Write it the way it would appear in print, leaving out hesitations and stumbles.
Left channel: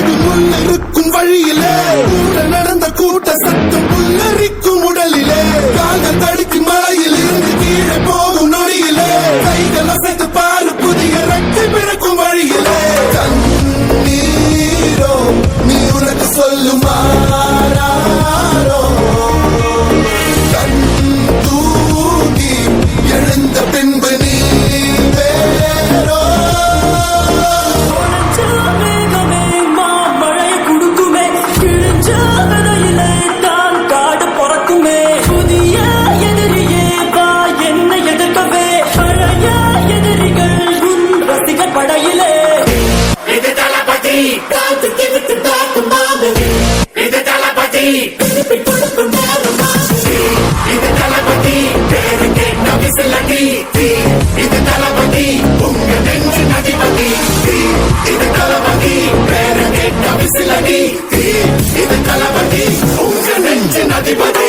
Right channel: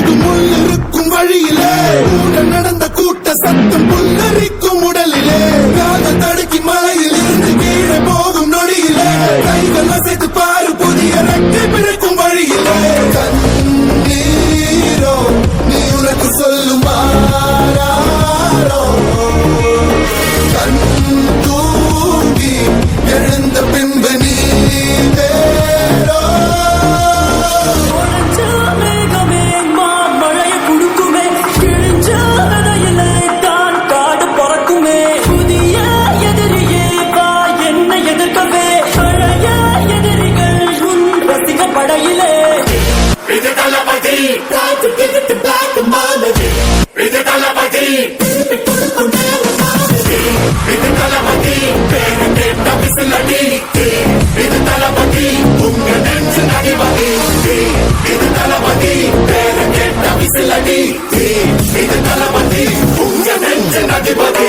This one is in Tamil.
அழகு முள்ளிருக்கும் வழியிலே நடந்த கூட்ட சத்தம் புல்லரிக்கும் உடலிலே காதல் தடுக்கி மலையில் இருந்து கீழே போகும் நொடியிலே கைகள் அசைத்து பாரு புதிய ரெக்கை பிறக்கும் வழியிலே கண்ணீரோ நீ உனக்கு சொல்லும் கண் தூங்கி எழுந்த பின்பு நீ வேறோ படையிலே இது தளபதி இது தளபதி இது தளபதி பேரு கேட்ட விசிலடி இது தளபதி உங்க நெஞ்சு அதிபதி இது தளபதி பேரு கேட்ட விசிலடி இது தளபதி உங்க நெஞ்சு அதிபதி